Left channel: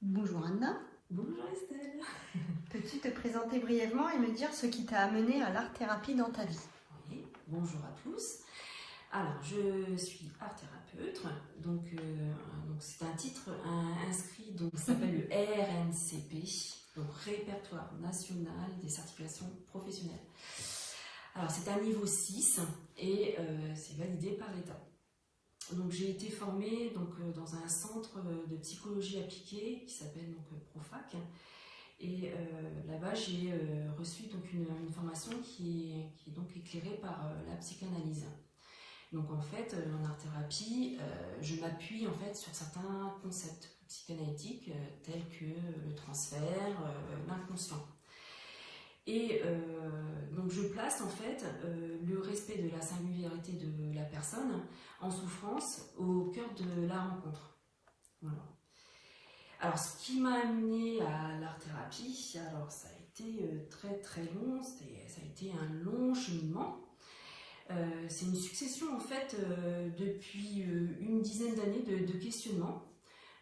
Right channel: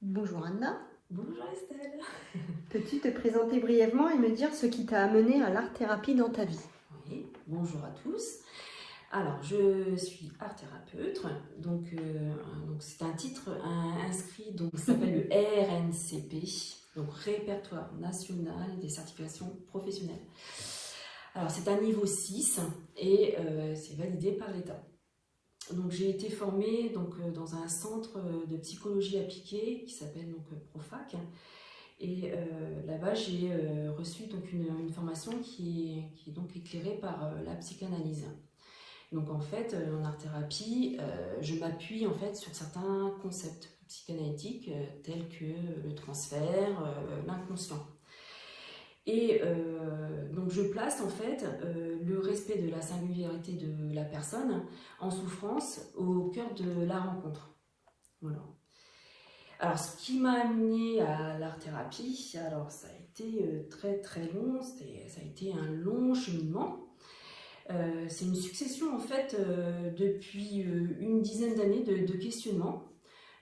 Bonjour Anna, Bonjour Estelle. peux-tu te présenter brièvement et me dire ce qui t'a amené à l'art-thérapie dans ta vie? Oui, bonjour à tous. Alors, je suis art thérapeute, donc c'est un titre inscrit, donc ça s'appelle le RNCP, donc Répertoire National des Certifications Professionnelles. Alors, c'est un niveau 6 et c'est validé par l'État. Donc, j'ai été formée dans un centre de psychologie appliquée qui s'appelle Profac. Et là-bas, j'ai reçu donc une formation qui est donc éclairée par la psychanalyse. Donc en fait, en art-thérapie, je m'appuie en fait sur certains concepts psychanalytiques tels que le transfert, l'inconscient. Et donc je place en fait le respect de la singularité de la personne en souffrance au cœur de la rencontre. Voilà. Alors, ce qui m'a amené à l'art-thérapie, alors ça a été très très long, ça a été un long cheminement. C'est une succession en fait depuis une dizaine d'années de questionnements,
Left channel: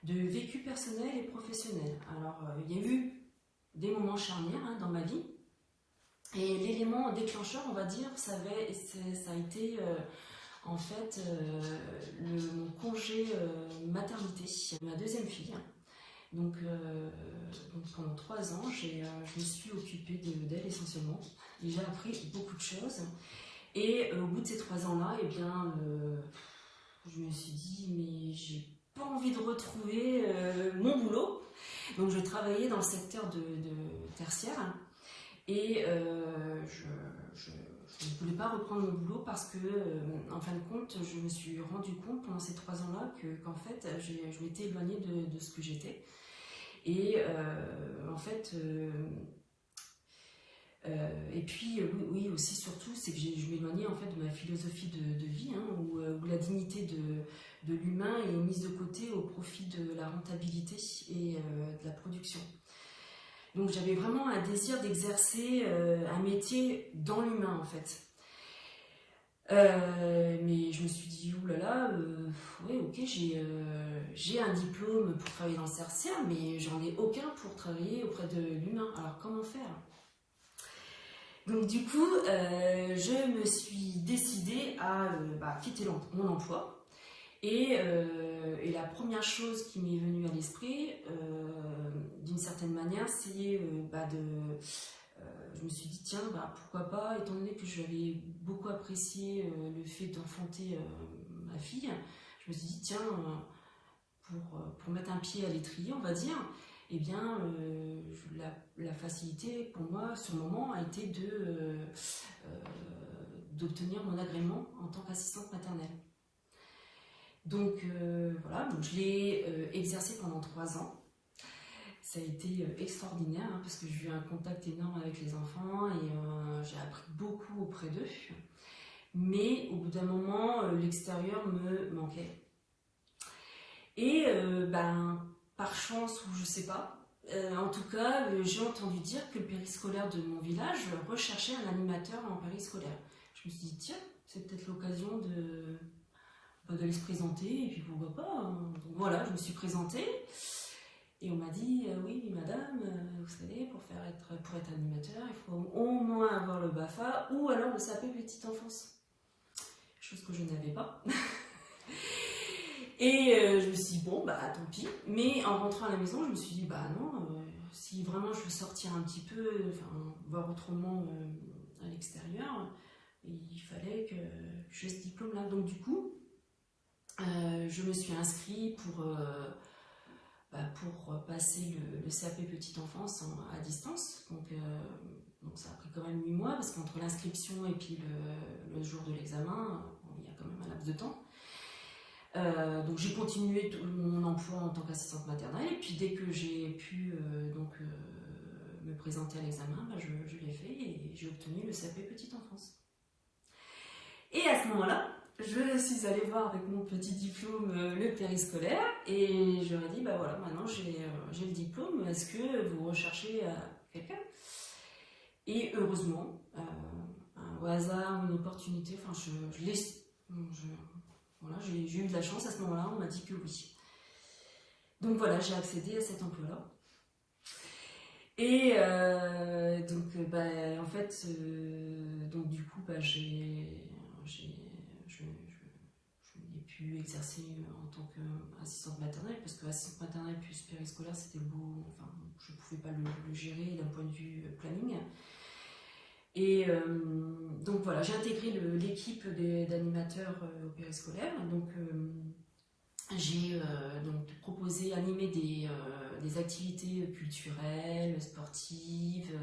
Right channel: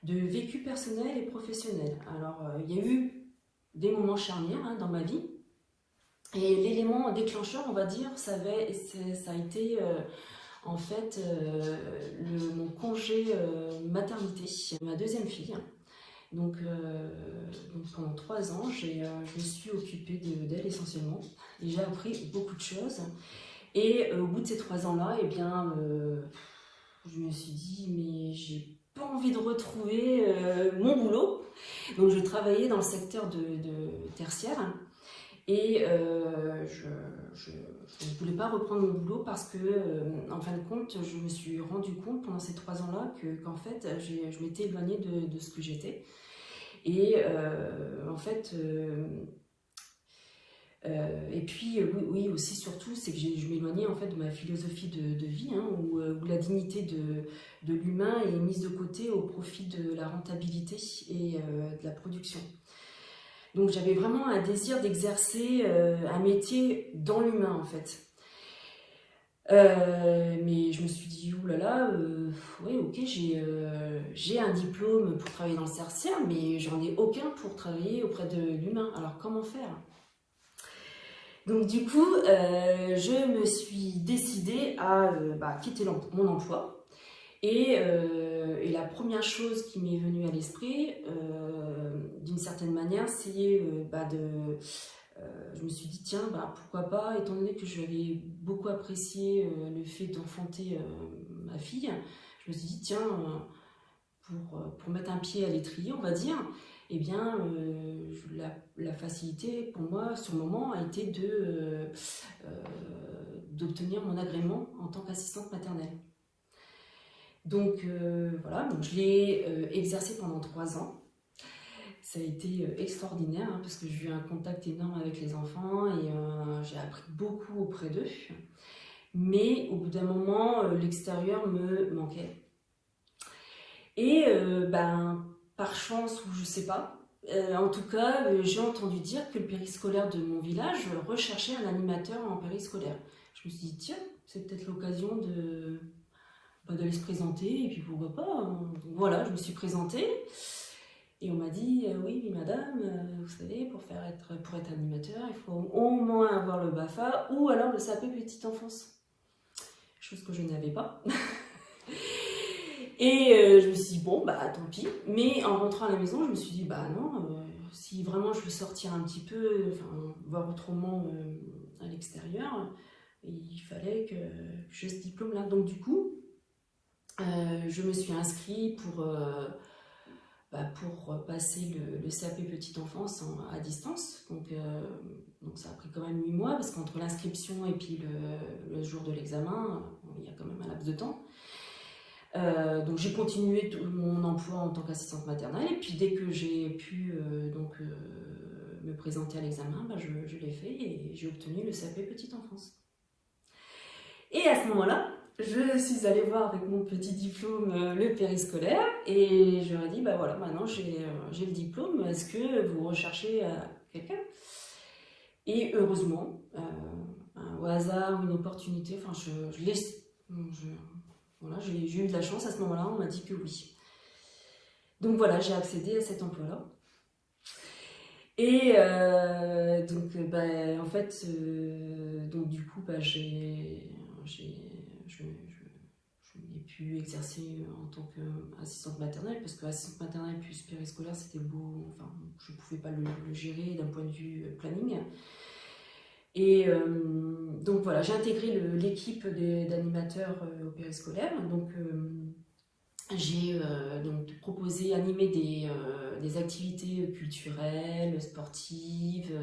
de vécu personnel et professionnel. Alors, il y a eu des moments charnières dans ma vie, et l'élément déclencheur, on va dire, ça a été en fait mon congé maternité, ma deuxième fille. Donc pendant 3 ans, je me suis occupée d'elle essentiellement. Et j'ai appris beaucoup de choses. Et au bout de ces 3 ans-là, eh bien, je me suis dit, mais j'ai pas envie de retrouver mon boulot. Donc je travaillais dans le secteur de tertiaire. Et je ne voulais pas reprendre mon boulot parce que, en fin de compte, je me suis rendu compte pendant ces 3 ans-là qu'en fait, je m'étais éloignée de ce que j'étais. Et en fait, et puis oui, aussi surtout, c'est que je m'éloignais en fait de ma philosophie de vie, où la dignité de l'humain est mise de côté au profit de la rentabilité et de la production. Donc j'avais vraiment un désir d'exercer un métier dans l'humain en fait. Mais je me suis dit, oulala, ouais, ok, j'ai un diplôme pour travailler dans le tertiaire, mais j'en ai aucun pour travailler auprès de l'humain. Alors comment faire? Donc du coup, je me suis décidée à quitter mon emploi. Et la première chose qui m'est venue à l'esprit, d'une certaine manière, c'est je me suis dit, tiens, pourquoi pas, étant donné que j'avais beaucoup apprécié le fait d'enfanter ma fille, je me suis dit, tiens, pour mettre un pied à l'étrier, on va dire, eh bien, la facilité pour moi, sur le moment, a été d'obtenir mon agrément en tant qu'assistante maternelle. Donc voilà, donc je l'ai exercé pendant 3 ans. Ça a été extraordinaire parce que j'ai eu un contact énorme avec les enfants et j'ai appris beaucoup auprès d'eux. Mais au bout d'un moment, l'extérieur me manquait. Et par chance ou je sais pas, en tout cas, j'ai entendu dire que le périscolaire de mon village recherchait un animateur en périscolaire. Je me suis dit, tiens, c'est peut-être l'occasion de se présenter et puis pourquoi pas. Donc voilà, je me suis présentée. Et on m'a dit, oui, madame, vous savez, pour être animateur, il faut au moins avoir le BAFA ou alors le CAP petite enfance. Chose que je n'avais pas. Et je me suis dit, bon, tant pis. Mais en rentrant à la maison, je me suis dit, non, si vraiment je veux sortir un petit peu, voir autrement à l'extérieur, il fallait que j'ai ce diplôme-là. Donc du coup, je me suis inscrite pour passer le CAP petite enfance à distance. Donc ça a pris quand même 8 mois, parce qu'entre l'inscription et puis le jour de l'examen, il y a quand même un laps de temps. Donc j'ai continué mon emploi en tant qu'assistante maternelle, et puis dès que j'ai pu me présenter à l'examen, je l'ai fait et j'ai obtenu le CAP petite enfance. Et à ce moment-là, je suis allée voir avec mon petit diplôme le périscolaire et je leur ai dit, voilà, maintenant j'ai le diplôme, est-ce que vous recherchez quelqu'un? Et heureusement, au hasard, une opportunité, voilà, j'ai eu de la chance à ce moment-là, on m'a dit que oui. Donc voilà, j'ai accédé à cet emploi-là. Et en fait, donc du coup, je n'ai pu exercer en tant qu'assistante maternelle, parce que assistante maternelle plus périscolaire, c'était beau, enfin, je ne pouvais pas le gérer d'un point de vue planning. Et donc voilà, j'ai intégré l'équipe d'animateurs au périscolaire. Donc j'ai donc proposé, animé des activités culturelles, sportives,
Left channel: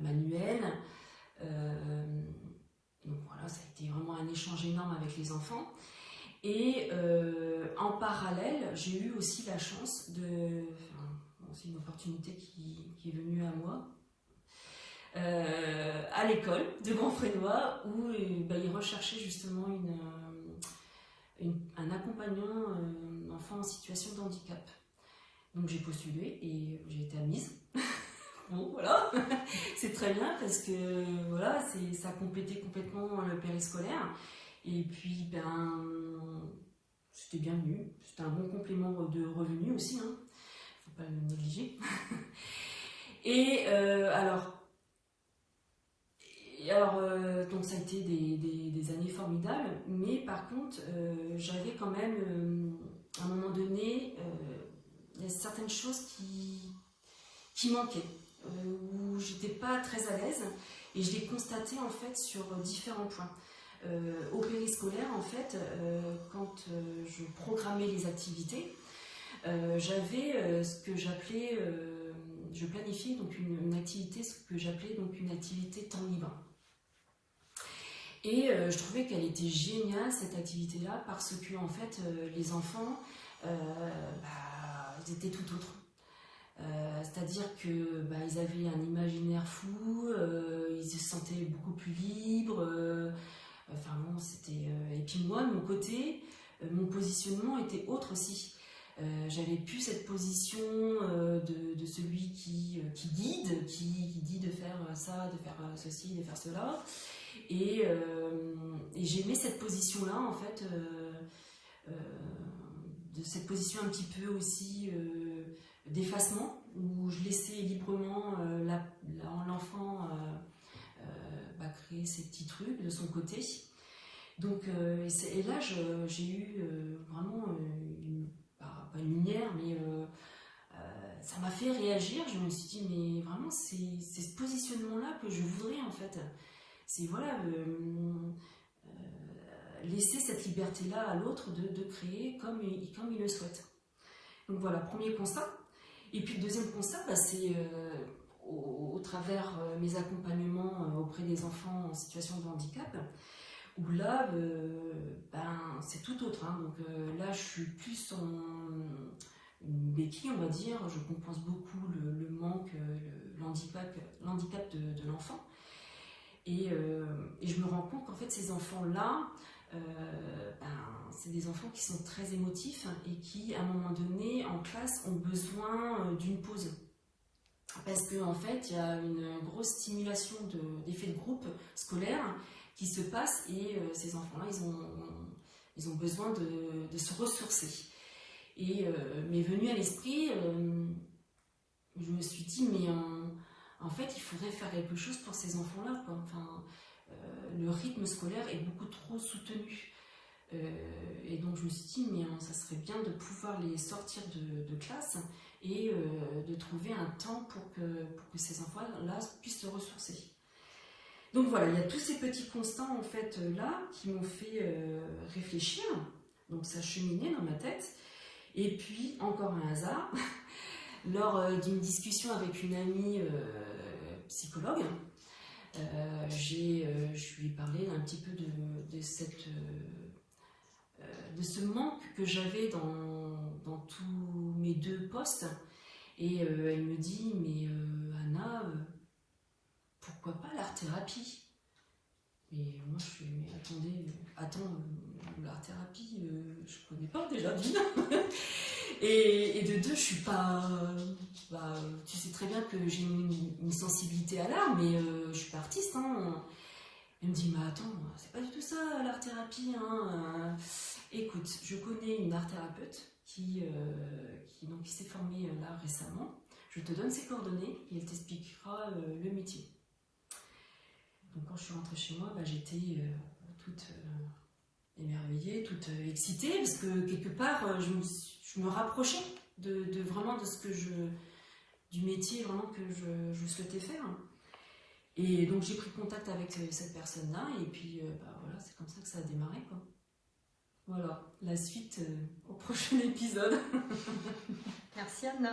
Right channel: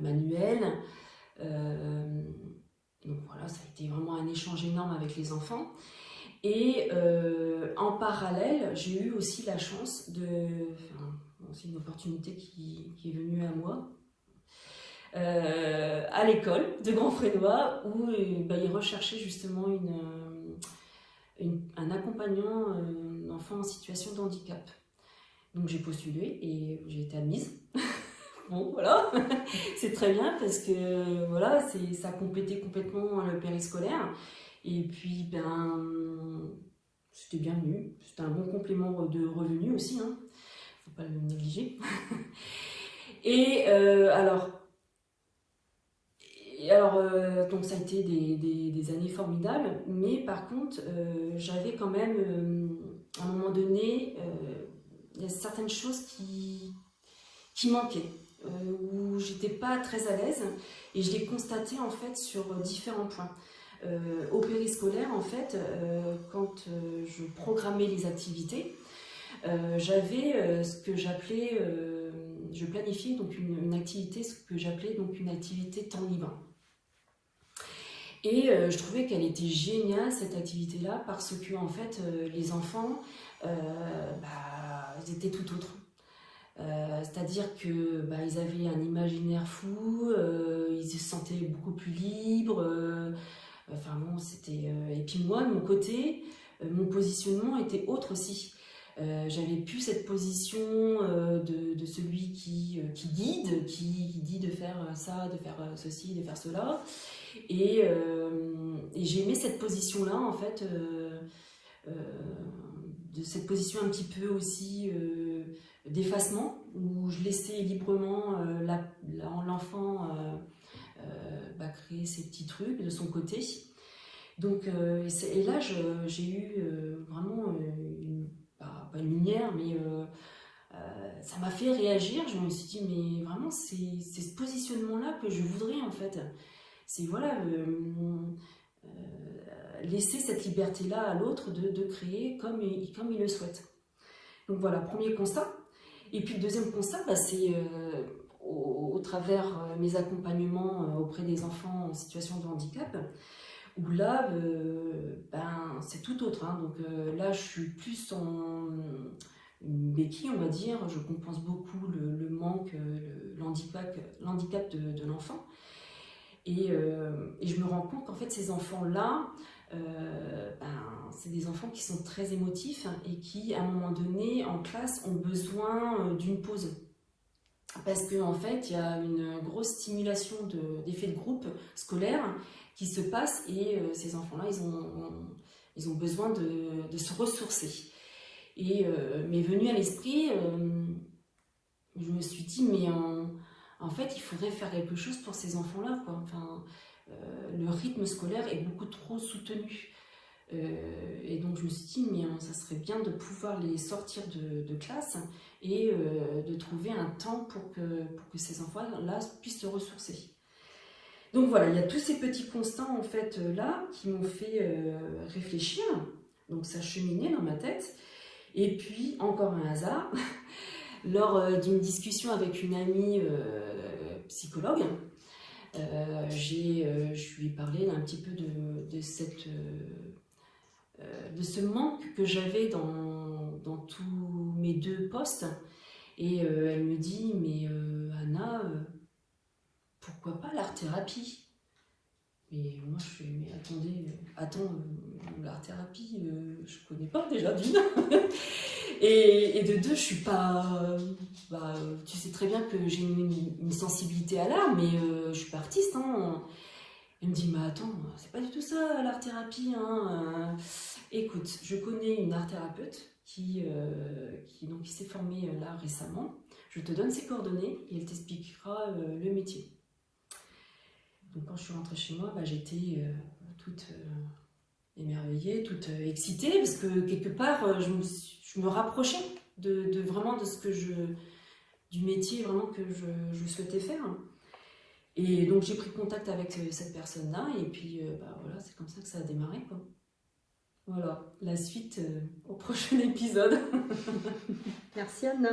manuelles. Donc voilà, ça a été vraiment un échange énorme avec les enfants. Et en parallèle, j'ai eu aussi la chance c'est une opportunité qui est venue à moi, à l'école de Grand Frénois, où ils recherchaient justement un accompagnant d'enfants en situation de handicap. Donc j'ai postulé et j'ai été admise. Bon, voilà, c'est très bien parce que voilà, ça a complété complètement le périscolaire. Et puis, c'était bienvenu. C'était un bon complément de revenus aussi, hein. Faut pas le négliger. Et donc ça a été des années formidables, mais par contre, j'avais quand même, à un moment donné, il y a certaines choses qui manquaient, où j'étais pas très à l'aise, et je l'ai constaté en fait sur différents points. Au périscolaire, en fait, quand je programmais les activités, j'avais ce que j'appelais, je planifiais donc une activité, ce que j'appelais donc une activité temps libre. Et je trouvais qu'elle était géniale, cette activité-là, parce que en fait, les enfants, ils étaient tout autres. C'est-à-dire que ils avaient un imaginaire fou, ils se sentaient beaucoup plus libres. Enfin bon, c'était. Et puis moi, de mon côté, mon positionnement était autre aussi. J'avais plus cette position de celui qui guide, qui dit de faire ça, de faire ceci, de faire cela. Et j'aimais cette position-là, en fait, de cette position un petit peu aussi d'effacement, où je laissais librement l'enfant créer ses petits trucs de son côté. Donc, et là, j'ai eu vraiment pas une lumière, mais ça m'a fait réagir. Je me suis dit, mais vraiment, c'est ce positionnement-là que je voudrais, en fait. C'est voilà, laisser cette liberté-là à l'autre de créer comme il le souhaite. Donc voilà, premier constat. Et puis le deuxième constat, c'est au travers mes accompagnements auprès des enfants en situation de handicap, où là, c'est tout autre. Hein. Donc là, je suis plus en une béquille, on va dire. Je compense beaucoup le manque, l'handicap de l'enfant. Et je me rends compte qu'en fait, ces enfants-là, c'est des enfants qui sont très émotifs et qui, à un moment donné, en classe, ont besoin d'une pause. Parce qu'en fait, il y a une grosse stimulation d'effets de groupe scolaire qui se passe et ces enfants-là, ils ont besoin de se ressourcer. Et m'est venu à l'esprit, je me suis dit, mais en fait, il faudrait faire quelque chose pour ces enfants-là, quoi. Enfin, le rythme scolaire est beaucoup trop soutenu. Et donc, je me suis dit, mais ça serait bien de pouvoir les sortir de classe et de trouver un temps pour que ces enfants-là puissent se ressourcer. Donc voilà, il y a tous ces petits constats, en fait, là, qui m'ont fait réfléchir. Donc, ça cheminait dans ma tête. Et puis, encore un hasard, lors d'une discussion avec une amie psychologue, je lui ai parlé un petit peu de ce manque que j'avais dans tous mes deux postes. Et elle me dit, mais Anna, pourquoi pas l'art-thérapie? Et moi, je fais, mais attends, l'art-thérapie, je connais pas déjà d'une. et de deux, je suis pas... tu sais très bien que j'ai une sensibilité à l'art, mais je suis pas artiste. Hein. Elle me dit, mais attends, c'est pas du tout ça, l'art-thérapie. Hein. Écoute, écoute, je connais une art thérapeute qui s'est formée là récemment. Je te donne ses coordonnées et elle t'expliquera le métier. Donc quand je suis rentrée chez moi, j'étais toute émerveillée, toute excitée, parce que quelque part, je me rapprochais vraiment de ce que du métier vraiment que je souhaitais faire. Et donc j'ai pris contact avec cette personne-là, et puis voilà, c'est comme ça que ça a démarré, quoi. Voilà, la suite au prochain épisode. Merci Anna.